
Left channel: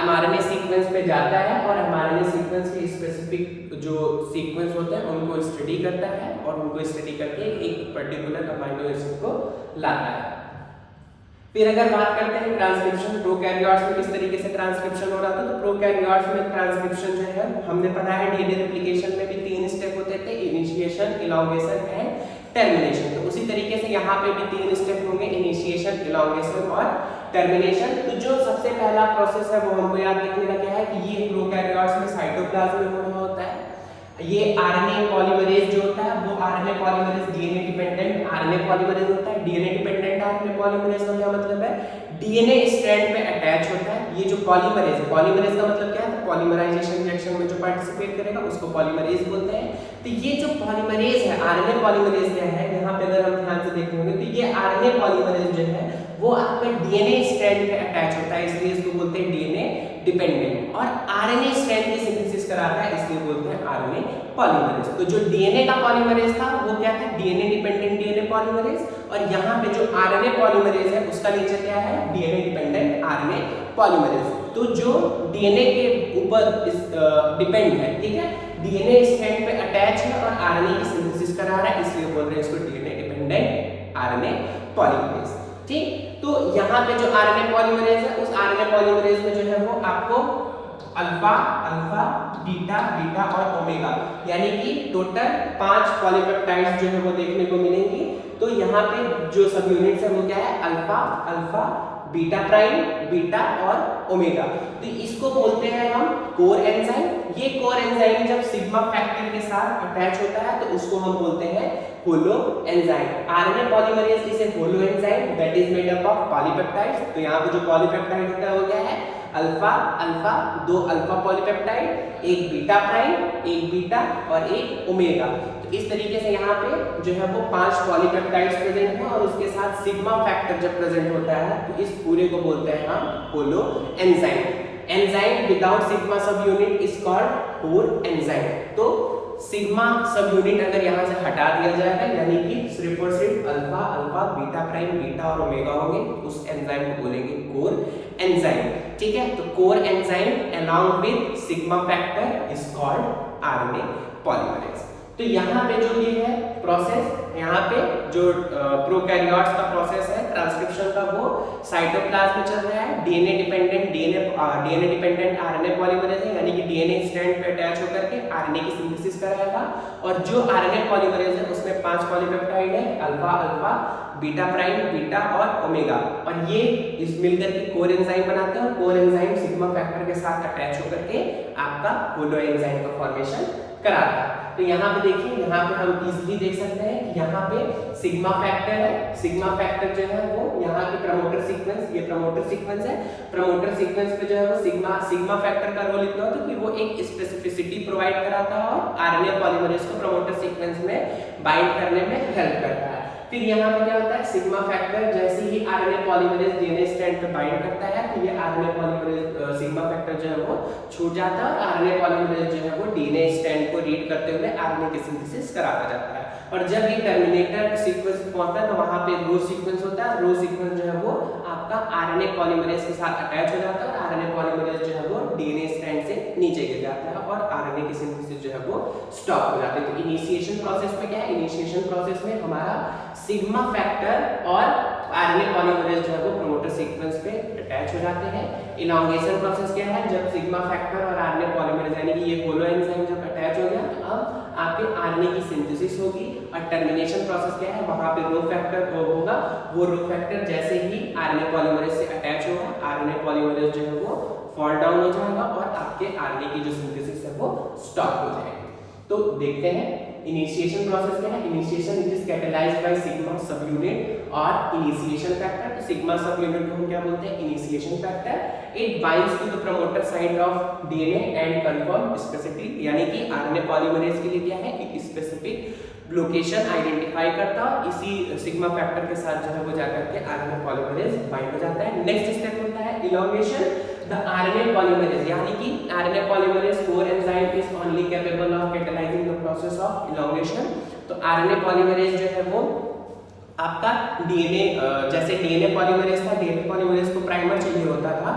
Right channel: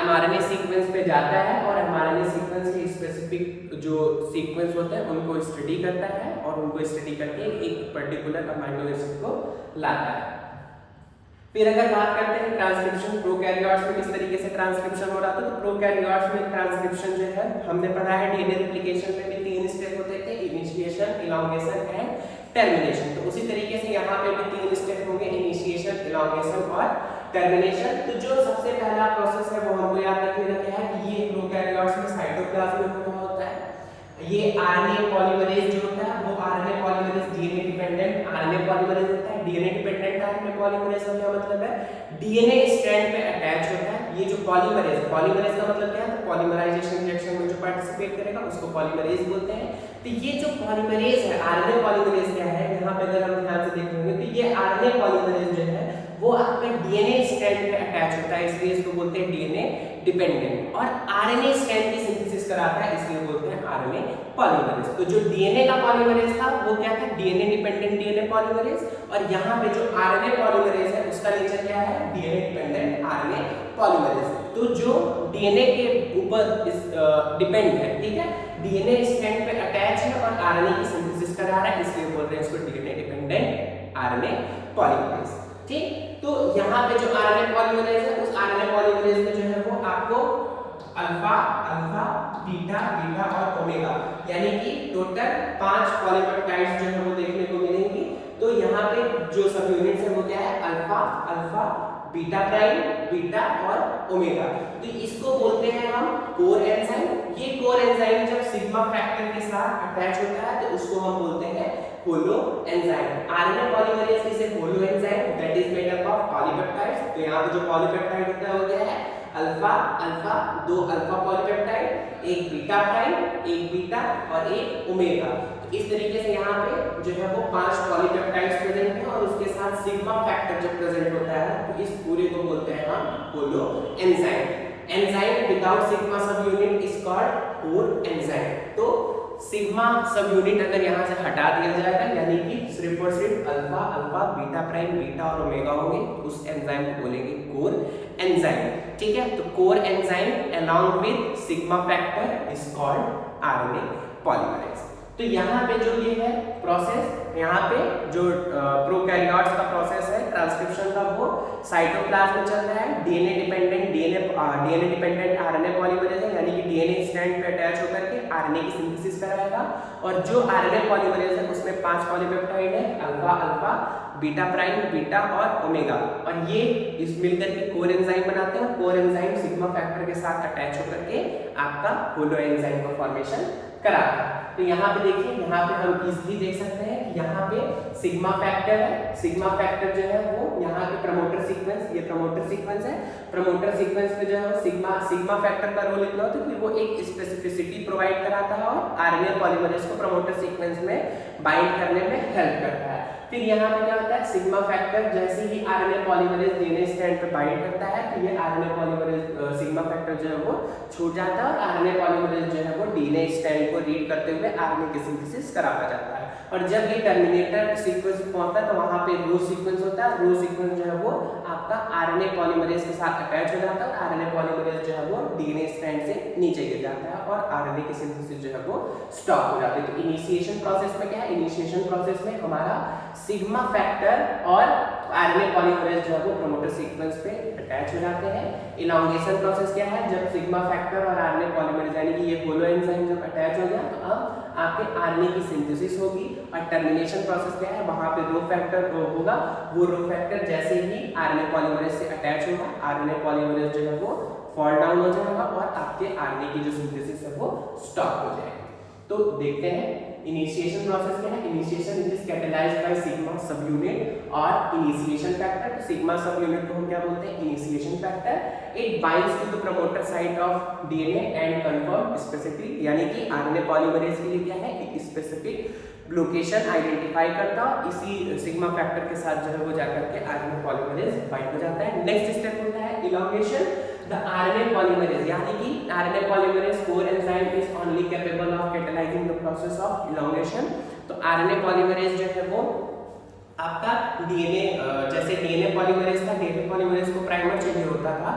एमआरएनए सीक्वेंस पे जाता है और एमआरएनए सीक्वेंस के स्पेसिफिक जो सीक्वेंस होते हैं उनको स्टडी करता है और उनको स्टडी करके एक पर्टिकुलर अमीनो एसिड को लाता है। फिर अगर बात करते हैं ट्रांसक्रिप्शन, प्रोकैरियोट्स में किस तरीके से ट्रांसक्रिप्शन हो रहा था, तो प्रोकैरियोट्स में ट्रांसक्रिप्शन जो है हमने पढ़ा है डीएनए रेप्लिकेशन में भी 3 स्टेप होते थे, इनिशिएशन, इलॉन्गेशन एंड टर्मिनेशन। तो उसी तरीके से यहाँ पे भी 3 स्टेप होंगे, इनिशिएशन, इलॉन्गेशन और टर्मिनेशन। तो जो सबसे पहला प्रोसेस है वो हमको याद रखने का क्या है कि ये प्रोकैरियोट्स में साइटोप्लाज्म में होता है। ये आरएनए पॉलीमरेज जो होता है वो RNA polymerase DNA dependent RNA polymerase होता है। डीएनए डिपेंडेंट आरएनए पॉलीमरेज का क्या मतलब है, डीएनए स्ट्रैंड पे अटैच होता है। ये जो पॉलीमरेज, पॉलीमरेज का मतलब क्या है, तो पॉलीमराइजेशन रिएक्शन में जो पार्टिसिपेट करेगा उसको पॉलीमरेज बोलते हैं। तो ये जो पॉलीमरेज है, आरएनए पॉलीमरेज क्या है, यहाँ पे अगर हम ध्यान से देखेंगे तो ये आरएनए पॉलीमरेज जो है वो आपके डीएनए स्ट्रैंड पे अटैच होता है, इसलिए इसको बोलते हैं डीएनए डिपेंडेंट। और आरएनए स्ट्रैंड की सिंथेसिस कराता है, इसलिए बोलते हैं आरएनए पॉलीमरेज। तो जो डीएनए का पॉलीमरेज था वो क्या था, डीएनए डिपेंडेंट डीएनए पॉलीमरेज, और यहाँ पे जो आरएनए पॉलीमरेज है उसका नेचर क्या है, डीएनए डिपेंडेंट आरएनए पॉलीमरेज। तो जो डीएनए के ऊपर डिपेंड है, ठीक है, डीएनए स्ट्रैंड पे अटैच है और आरएनए की सिंथेसिस करा रहा है, इसलिए बोल रहे हैं इसको डीएनए डिपेंडेंट आरएनए पॉलीमरेज। ठीक, तो यहाँ पे जो आरएनए पॉलीमरेज है उस आरएनए पॉलीमरेज में जो है वो आपको अल्फा, अल्फा, बीटा, बीटा और ओमेगा यानी कि टोटल 5 पॉलीपेप्टाइड्स जो है वो देखने को मिलेंगी। तो यहाँ पे जो सब यूनिट्स है वो क्या है, alpha, alpha, beta prime, beta और ओमेगा। तो इसको बोलते हैं हम कोर एंजाइम। ये कोर एंजाइम जब सिग्मा फैक्टर के साथ अटैच होता है तो उसको हम बोलते हैं holo enzyme. RNA polymerase is a holo enzyme that is made up of polypeptides. तो यहाँ पे जो पॉलीपेप्टाइड होता है वो क्या है, अल्फा, अल्फा, 2 अल्फा पॉलीपेप्टाइड, एक बीटा प्राइम, एक बीटा और एक ओमेगा। तो इस तरीके से यहाँ पे जो है वो 5 पॉलीपेप्टाइड्स प्रेजेंट हैं और उसके साथ सिग्मा फैक्टर जब प्रेजेंट होता है तो इस पूरे को बोलते हैं हम holo enzyme. Enzyme without sigma sub unit is called core enzyme. तो सिग्मा सब यूनिट अगर यहाँ से हटा दिया जाएगा यानी कि सिर्फ और सिर्फ alpha, alpha, beta prime, beta और ओमेगा होंगे, उस एंजाइम को बोलेंगे कोर एंजाइम। ठीक है, तो core enzyme along with sigma factor is called RNA polymerase. तो यहाँ पे जो ये है प्रोसेस, यहाँ पे जो प्रोकैरियोट्स का प्रोसेस है ट्रांसक्रिप्शन का, वो साइटोप्लाज्म में चल रहा है। डीएनए डिपेंडेंट आरएनए पॉलीमरेज है, यानी कि डीएनए स्ट्रैंड पे अटैच होकर के आरएनए की सिंथेसिस कराएगा। और जो आरएनए पॉलीमरेज है उसमें 5 पॉलीपेप्टाइड है, alpha alpha, beta prime, beta और ओमेगा, और ये इस मिलकर के कोर एंजाइम बनाते हैं। कोर एंजाइम सिग्मा फैक्टर के साथ अटैच होकर के आपका होलो एंजाइम का फॉर्मेशन कराता है। तो यहाँ पे देखिए, यहाँ पे हम इजीली देख सकते हैं कि यहाँ पे सिग्मा फैक्टर है। सिग्मा फैक्टर जो है वो यहाँ के प्रमोटर सीक्वेंस, ये प्रमोटर सीक्वेंस है। प्रमोटर सीक्वेंस पे जो है वो सिग्मा फैक्टर का रोल इतना होता है कि वो एक स्पेसिफिसिटी प्रोवाइड कराता है और आरएनए पॉलीमरेज को प्रमोटर सीक्वेंस में बाइंड करने में हेल्प करता है। फिर यहाँ पे क्या होता है, सिग्मा फैक्टर जैसे ही आरएनए पॉलीमरेज डीएनए स्ट्रैंड पे बाइंड करता है तो ये आरएनए पॉलीमरेज सिग्मा फैक्टर जो है वो छूट जाता है और आरएनए पॉलीमरेज जो है वो डीएनए स्ट्रैंड को रीड करते हुए आरएनए की सिंथेसिस कराता जाता है। और जब ये टर्मिनेटर सीक्वेंस पहुंचता है तो वहां पे रो सीक्वेंस होता है। रो सीक्वेंस जो है वो आपका आरएनए पॉलीमरेज के साथ अटैच हो जाता है और आरएनए पॉलीमरेज जो है वो डीएनए स्ट्रैंड से नीचे गिर जाता है और आरएनए की सिंथेसिस जो है वो स्टॉप हो जाती है। तो इनिशिएशन प्रोसेस में क्या है, इनिशिएशन प्रोसेस में हमारा सिग्मा फैक्टर और आरएनए पॉलीमरेज जो है वो प्रमोटर सीक्वेंस पे अटैच हो जाते हैं। इलॉन्गेशन प्रोसेस क्या है, जब सिग्मा फैक्टर और आरएनए पॉलीमरेज यानी कि ये होलो एंजाइम जब अटैच हो गया तो अब आपके आरएनए की सिंथेसिस होगी। और टर्मिनेशन प्रोसेस क्या है, वहां पे रो फैक्टर होगा, वो रो फैक्टर जैसे ही आरएनए पॉलीमरेज से अटैच होगा आरएनए पॉलीमरेज जो है वो फॉल डाउन हो जाएगा और आपके आरएनए की जो सिंथेसिस है वो स्टॉप हो जाएगी। तो देखते हैं इनिशिएशन प्रोसेस क्या है। Initiation it is catalysed by sigma sub unit और इनिशिएशन फैक्टर। तो सिग्मा सब यूनिट को हम क्या बोलते हैं, initiation factor. It binds to the promoter site of DNA and confirm specific, यानी कि आरएनए पॉलीमरेज के लिए क्या है, एक स्पेसिफिक लोकेशन आइडेंटिफाई करता है। इसी सिग्मा फैक्टर के साथ जो है वो जाकर के आरएनए पॉलीमरेज बाइंड हो जाता है। नेक्स्ट स्टेप होता है इलॉन्गेशन द आरएनए पॉलीमरेज, यानी कि RNA polymerase core enzyme is only capable of catalysing the process of elongation. तो आरएनए पॉलीमरेज जो है वो आपका डीएनए, जैसे डीएनए पॉलीमरेज था, डीएनए पॉलीमरेज को प्राइमर चाहिए होता था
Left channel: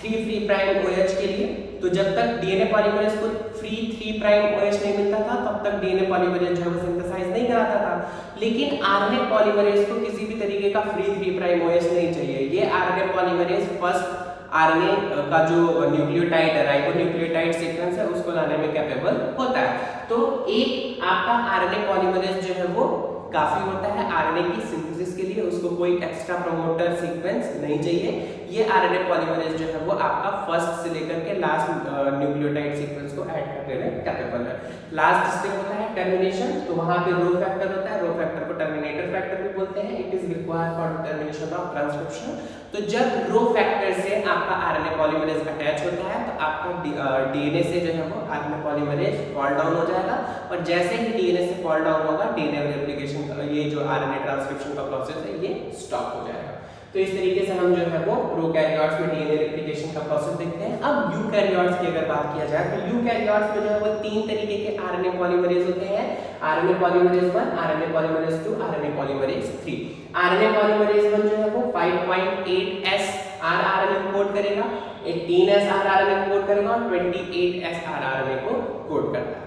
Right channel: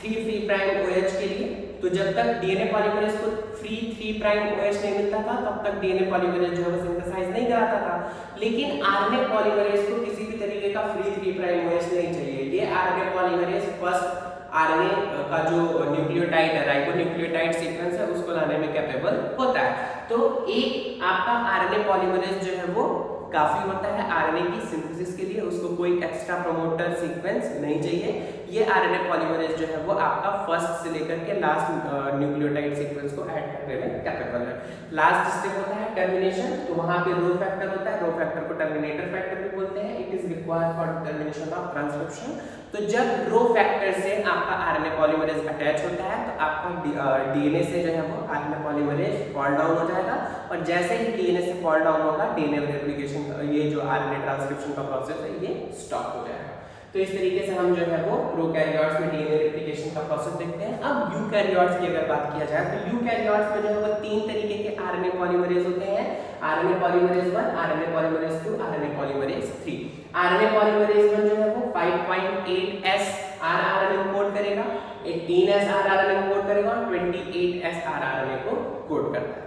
3' OH के लिए। तो जब तक डीएनए पॉलीमरेज को 3' OH नहीं मिलता था तब तक डीएनए पॉलीमरेज जो है वो सिंथेसाइज नहीं कराता था। लेकिन आरएनए पॉलीमरेज को किसी भी तरीके का 3' OH नहीं चाहिए। ये आरएनए पॉलीमरेज फर्स्ट आरएनए का जो न्यूक्लियोटाइड है, राइबोन्यूक्लियोटाइड सीक्वेंस है, उसको लाने में कैपेबल होता है। तो एक आपका आरएनए पॉलीमरेज जो है वो काफी होता है आरएनए की सिंथेसिस के लिए, उसको कोई एक्स्ट्रा प्रमोटर सीक्वेंस नहीं चाहिए। ये आरएनए पॉलीमरेज जो है वो आपका फर्स्ट से लेकर के लास्ट न्यूक्लियोटाइड सीक्वेंस को ऐड करने में कैपेबल है। लास्ट स्टेप होता है टर्मिनेशन। तो वहां पे रो फैक्टर होता है, रो फैक्टर को टर्मिनेटर फैक्टर भी बोलते हैं। It is required for termination of transcription. तो जब रो फैक्टर से आपका आरएनए पॉलीमरेज अटैच होता है तो आपका डीएनए से जो है वो आरएनए पॉलीमरेज फॉल डाउन हो जाएगा और जैसे ही डीएनए से फॉल डाउन होगा डीएनए रेप्लिकेशन, ये जो आरएनए ट्रांसक्रिप्शन का प्रोसेस है ये स्टॉप हो जाएगा। तो इस तरीके से हम जो है वो प्रोकैरियोट्स में डीएनए रेप्लिकेशन का प्रोसेस देखते हैं। अब यूकैरियोट्स की अगर बात किया जाए तो यूकैरियोट्स में जो है वो 3 तरीके के आरएनए पॉलीमरेज होते हैं, RNA polymerase 1, RNA polymerase 2, RNA polymerase 3। RNA polymerase 1 जो है वो 5.8S आरआरएनए को कोड करेगा, 18S आरआरएनए को कोड करेगा और 28S आरआरएनए को कोड करता है।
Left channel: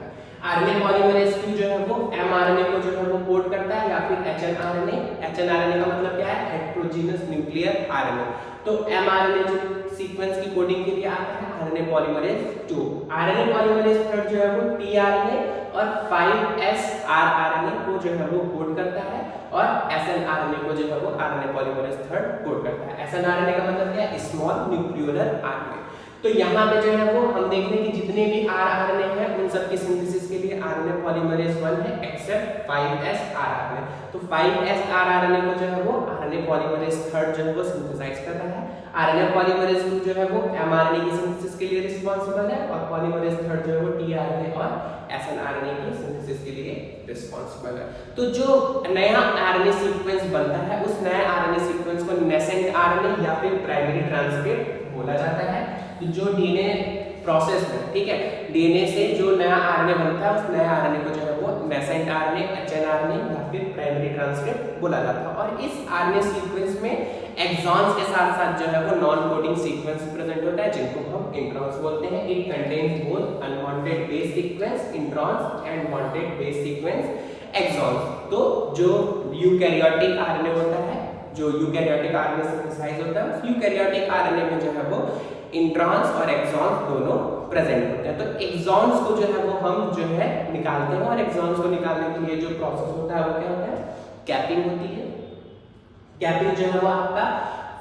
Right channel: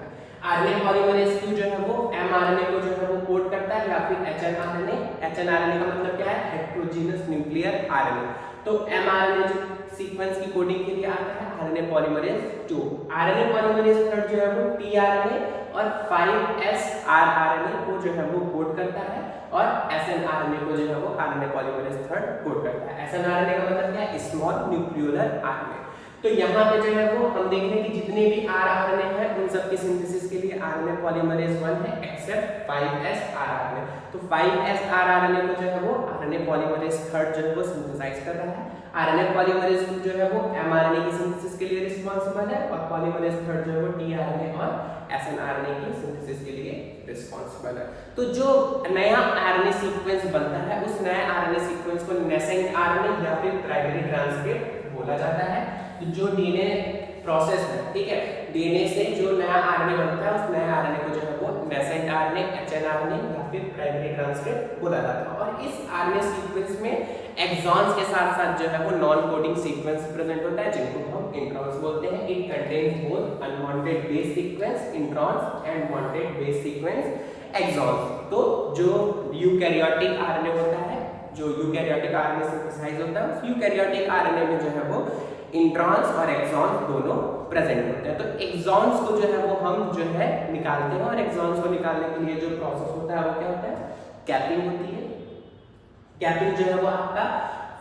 आरएनए पॉलीमरेज 2 जो है वो एमआरएनए को जो है वो कोड करता है या फिर एचएनआरएनए। एचएनआरएनए का मतलब क्या है, हेटेरोजेनस न्यूक्लियर आरएनए। तो एमआरएनए जो सीक्वेंस की कोडिंग के लिए आता है आरएनए पॉलीमरेज 2। आरएनए पॉलीमरेज 3 जो है वो टीआरएनए और 5S आरआरएनए को जो है वो कोड करता है और एसएनआरएनए को जो है वो आरएनए पॉलीमरेज 3 कोड करता है। एसएनआरएनए का मतलब क्या है, स्मॉल न्यूक्लियोलर आरएनए। तो यहाँ पे जो है वो हम देख रहे हैं कि जितने भी आरआरएनए हैं उन सब की सिंथेसिस के लिए आरएनए पॉलीमरेज 1 है एक्सेप्ट 5S आरआरएनए। तो 5S आरआरएनए को जो है वो आरएनए पॉलीमरेज 3 जो है वो सिंथेसाइज कर रहा है। आरएनए पॉलीमरेज 2 जो है वो एमआरएनए की सिंथेसिस के लिए रिस्पांसिबल है और पॉलीमरेज 3 जो है वो टीआरएनए और एसएनआरएनए की सिंथेसिस के लिए रिस्पांसिबल है। तो जो नया आरएनए सीक्वेंस बनता है उस नए आरएनए सीक्वेंस को नेसेंट आरएनए या फिर प्राइमरी ट्रांसक्रिप्ट बोला जाता है। जो डीएनए प्रोसेस में, ठीक है, डीएनए से जो नया आरएनए बनता है उस नए आरएनए को जो है वो नेसेंट आरएनए, एचएनआरएनए या फिर प्राइमरी ट्रांसक्रिप्ट बोला जाता है। और इस आरएनए सीक्वेंस में एक्सॉन्स के साथ साथ जो है वो नॉन कोडिंग सीक्वेंस प्रेजेंट होता है जिनको हम इंट्रॉन्स बोलते हैं। It contains both unwanted base sequence introns and wanted base sequence exons. तो जो यूकैरियोटिक आरएनए होता है, जो यूकैरियोटिक आरएनए सिंथेसाइज होता है, उस यूकैरियोटिक आरएनए में जो है वो इंट्रॉन्स और एक्सॉन्स दोनों प्रेजेंट होते हैं। तो एक्सॉन्स को जो है वो हम जो है निकालते हैं, और एक्सॉन्स को निकालने के लिए जो प्रोसेस होता है वो क्या होता है, कैपिंग होती है। कैपिंग जो है वो आपका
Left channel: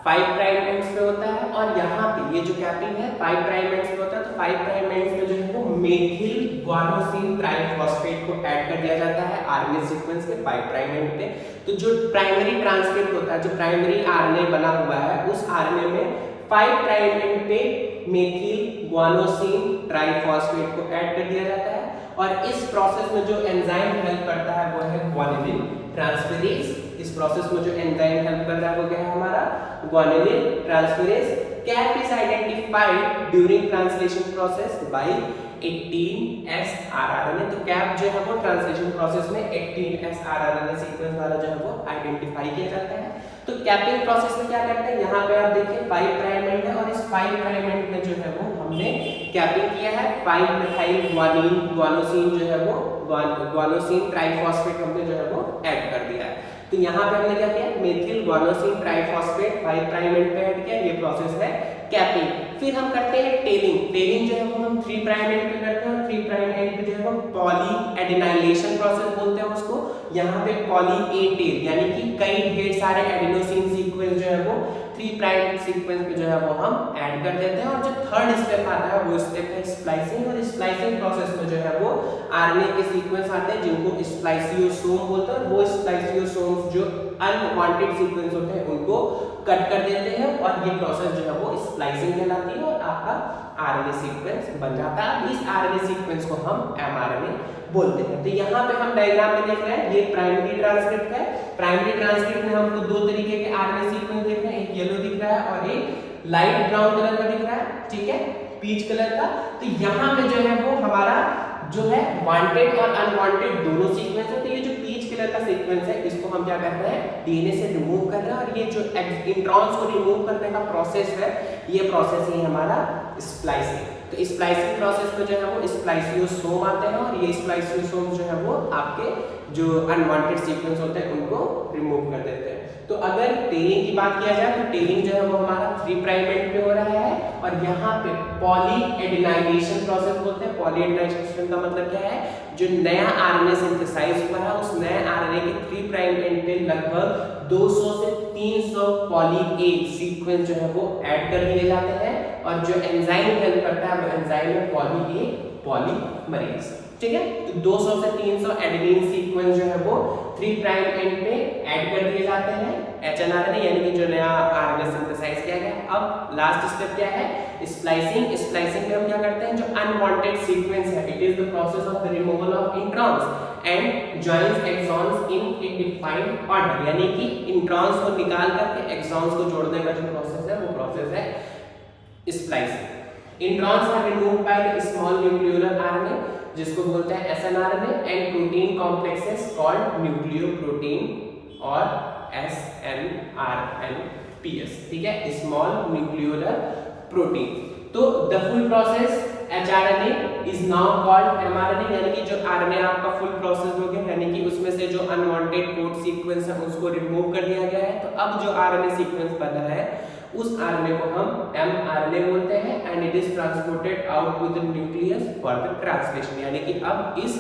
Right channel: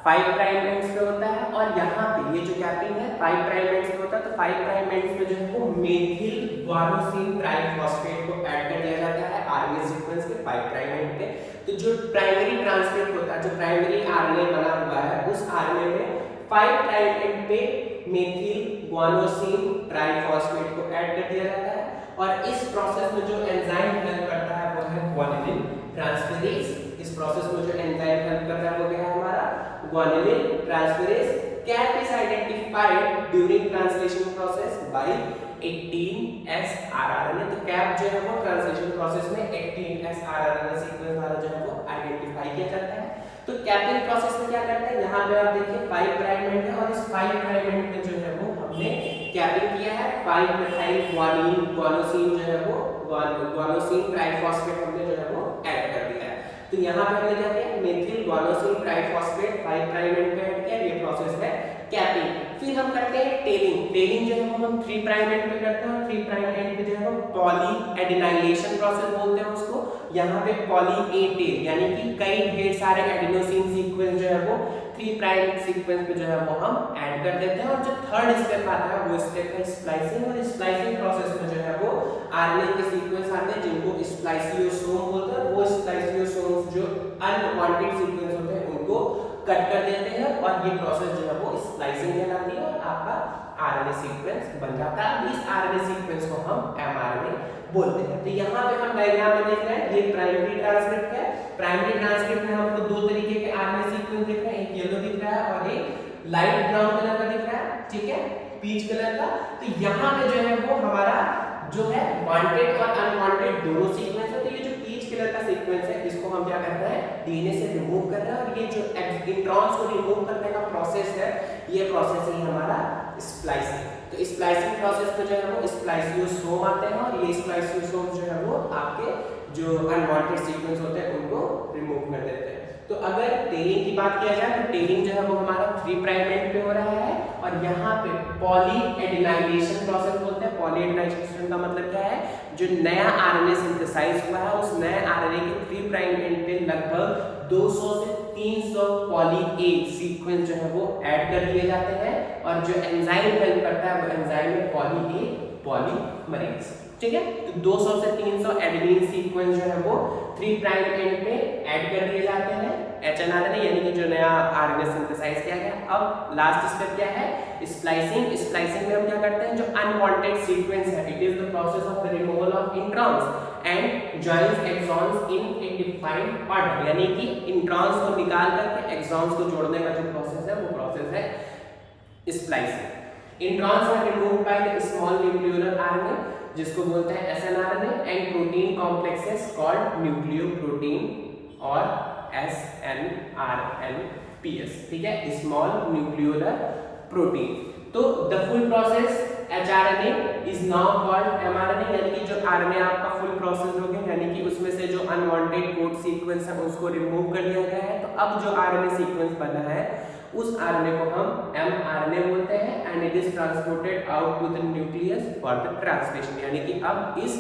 5 प्राइम एंड्स पे होता है, और यहाँ पे ये जो कैपिंग है 5 प्राइम एंड्स पे होता है। तो 5 प्राइम एंड्स पे जो है वो मेथिल गुआनोसिन ट्राइफॉस्फेट को ऐड कर दिया जाता है आरएनए सीक्वेंस के 5 प्राइम एंड पे। तो जो प्राइमरी ट्रांसक्रिप्ट होता है, जो प्राइमरी आरएनए बना हुआ है, उस आरएनए में 5 प्राइम एंड पे मेथिल गुआनोसिन ट्राइफॉस्फेट को ऐड कर दिया जाता है। और इस प्रोसेस में जो एंजाइम हेल्प करता है वो है गुआनिलिन ट्रांसफेरेज। इस प्रोसेस में जो एंजाइम हेल्प कर रहा है वो क्या है हमारा, guanylyl transferase. Cap is identified during translation process by 18S rRNA। तो कैप जो है वो ट्रांसलेशन प्रोसेस में 18S rRNA सीक्वेंस द्वारा जो है वो आइडेंटिफाई किया जाता है। तो कैपिंग प्रोसेस में क्या करता है, यहाँ पे आप देखिए 5 प्राइम एंड है, और इस 5 प्राइम एंड में जो है वो हमने कैपिंग किया है 5 मिथाइल गुआनिन गुआनोसिन जो है वो गुआनोसिन ट्राइफॉस्फेट हमने जो है वो ऐड कर दिया है। तो यहाँ पे हमने क्या किया, methyl guanosine triphosphate 5 prime and पे ऐड किया, ये प्रोसेस है कैपिंग। फिर हम करते हैं टेलिंग। टेलिंग जो है वो हम 3 प्राइम एंड पे करते हैं, और 3 प्राइम एंड पे जो है वो पॉली एडेनाइलेशन प्रोसेस बोलते हैं उसको। यहाँ पे पॉली ए टेल यानी कि कई ढेर सारे एडेनोसिन सीक्वेंस जो है वो 3 प्राइम सीक्वेंस पे जो है वो हम ऐड कर देते हैं। और जो थर्ड स्टेप आता है वो स्टेप है स्प्लाइसिंग। और स्प्लाइसिंग प्रोसेस में जो है वो आरएनए के सीक्वेंस आते हैं जिनको स्प्लाइसियोसोम बोलते हैं। वो स्प्लाइसियोसोम जो अनवांटेड सीक्वेंस होते हैं उनको कट कर देते हैं, और ये प्रोसेस जो है वो स्प्लाइसिंग कहलाती है, और आपका आरएनए सीक्वेंस बन जाता है। इस आरएनए सीक्वेंस को हम एमआरएनए बोलते हैं। तो यहाँ पे हम डायग्राम में देख रहे हैं, ये प्राइमरी ट्रांसक्रिप्ट है। प्राइमरी ट्रांसक्रिप्ट में हमको 2 तरीके के आरएनए सीक्वेंस दिख रहे हैं, एक येलो दिख रहा है और एक लाइट ब्राउन कलर का दिख रहा है, ठीक है, पीच कलर का। तो यहाँ पे जो है वो हमारा जो है वांटेड और अनवांटेड दोनों सीक्वेंस है। तो ये जो पीच कलर का सीक्वेंस है इसको हम क्या करते हैं, डीएनए से रिमूव कर रहे हैं। और ये जो इंट्रॉन्स को रिमूव करने का प्रोसेस है, ये प्रोसेस है हमारा स्प्लाइसिंग। तो स्प्लाइसिंग प्रोसेस में जो है वो स्प्लाइसियोसोम आते हैं, और ये स्प्लाइसियोसोम जो है वो आपके जो अनवांटेड सीक्वेंस होते हैं उनको रिमूव कर देते हैं। तो अगर टेलिंग की बात किया जाए तो टेलिंग जो है वो हमारा 3 प्राइम एंड पे हो रहा है, और यहाँ पे पॉली एडेनाइलेशन प्रोसेस बोलते हैं। पॉली एडेनाइलेशन का मतलब क्या है, जो नया आरएनए सिंथेसाइज हुआ है उस नए आरएनए के 3 प्राइम एंड पे लगभग 200 से 300 पॉली ए सीक्वेंस जो है वो ऐड कर दिए जाते हैं, और जो एंजाइम हेल्प करता है वो एंजाइम है पॉली ए पॉलीमरेज, ठीक है। तो 200 से 300 एडेनिन सीक्वेंस जो है वो 3 प्राइम एंड पे ऐड कर दिए जाते हैं एचएनआरएनए, यानी कि जो नया आरएनए सिंथेसाइज किया गया। अब लास्ट स्टेप क्या है, स्प्लाइसिंग। स्प्लाइसिंग में हम क्या करते हैं, जो अनवांटेड सीक्वेंस है, it is the process of the removal of introns and joins exons in a defined order, यानी कि इंट्रॉन्स को निकाल करके एक्सॉन्स को जोड़ने का जो प्रोसेस है वो प्रोसेस है splicing. Introns are removed by the small nucleolar RNA जिसको बोलते हैं snRNA, and protein complexes called nucleoprotein और SNRNPS, ठीक है, स्मॉल न्यूक्लियोलर प्रोटीन। तो the full process hRNA is now called mRNA, यानी कि जो आरएनए आपका फुल प्रोसेस हो गया, यानी कि उसमें से जो अनवांटेड कोड सीक्वेंस है उसको रिमूव कर दिया गया है। तो अब जो आरएनए सीक्वेंस बना है उस आरएनए को हम एमआरएनए बोलते हैं, and it is transported out to the nucleus for the translation, यानी कि अब इस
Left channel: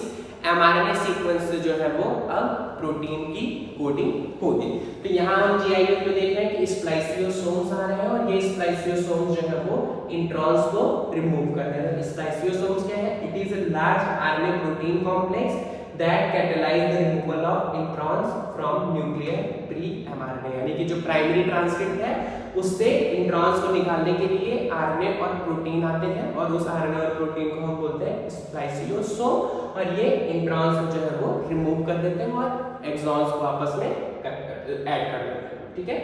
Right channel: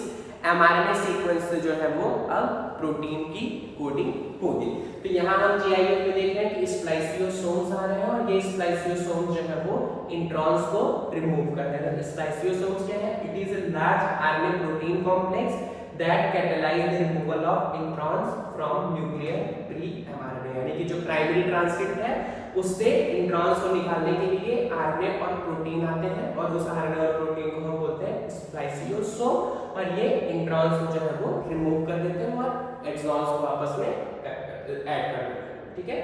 एमआरएनए सीक्वेंस से जो है वो अब प्रोटीन की कोडिंग होगी। तो यहाँ हम जीआईएफ में देख रहे हैं कि स्प्लाइसियोसोम्स आ रहे हैं, और ये स्प्लाइसियोसोम्स जो है वो इंट्रॉन्स को रिमूव कर रहे हैं। स्प्लाइसियोसोम्स क्या है, it is a large RNA protein complex that catalyze the removal of introns from nuclear pre-mRNA, यानी कि जो प्राइमरी ट्रांसक्रिप्ट है उससे इंट्रॉन्स को निकालने के लिए आरएनए और प्रोटीन आते हैं, और उस आरएनए और प्रोटीन को हम बोलते हैं स्प्लाइसियोसोम, और ये इंट्रॉन्स को जो है वो रिमूव कर देते हैं और एक्सॉन्स को आपस में ऐड कर देते हैं, ठीक है।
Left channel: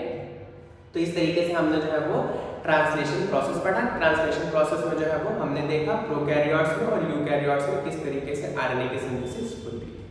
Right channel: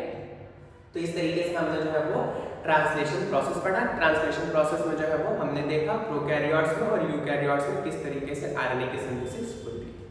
तो इस तरीके से हमने जो है वो ट्रांसलेशन प्रोसेस पढ़ा। ट्रांसलेशन प्रोसेस में जो है वो हमने देखा प्रोकैरियोट्स में और यूकैरियोट्स में किस तरीके से आरएनए की सिंथेसिस होती है।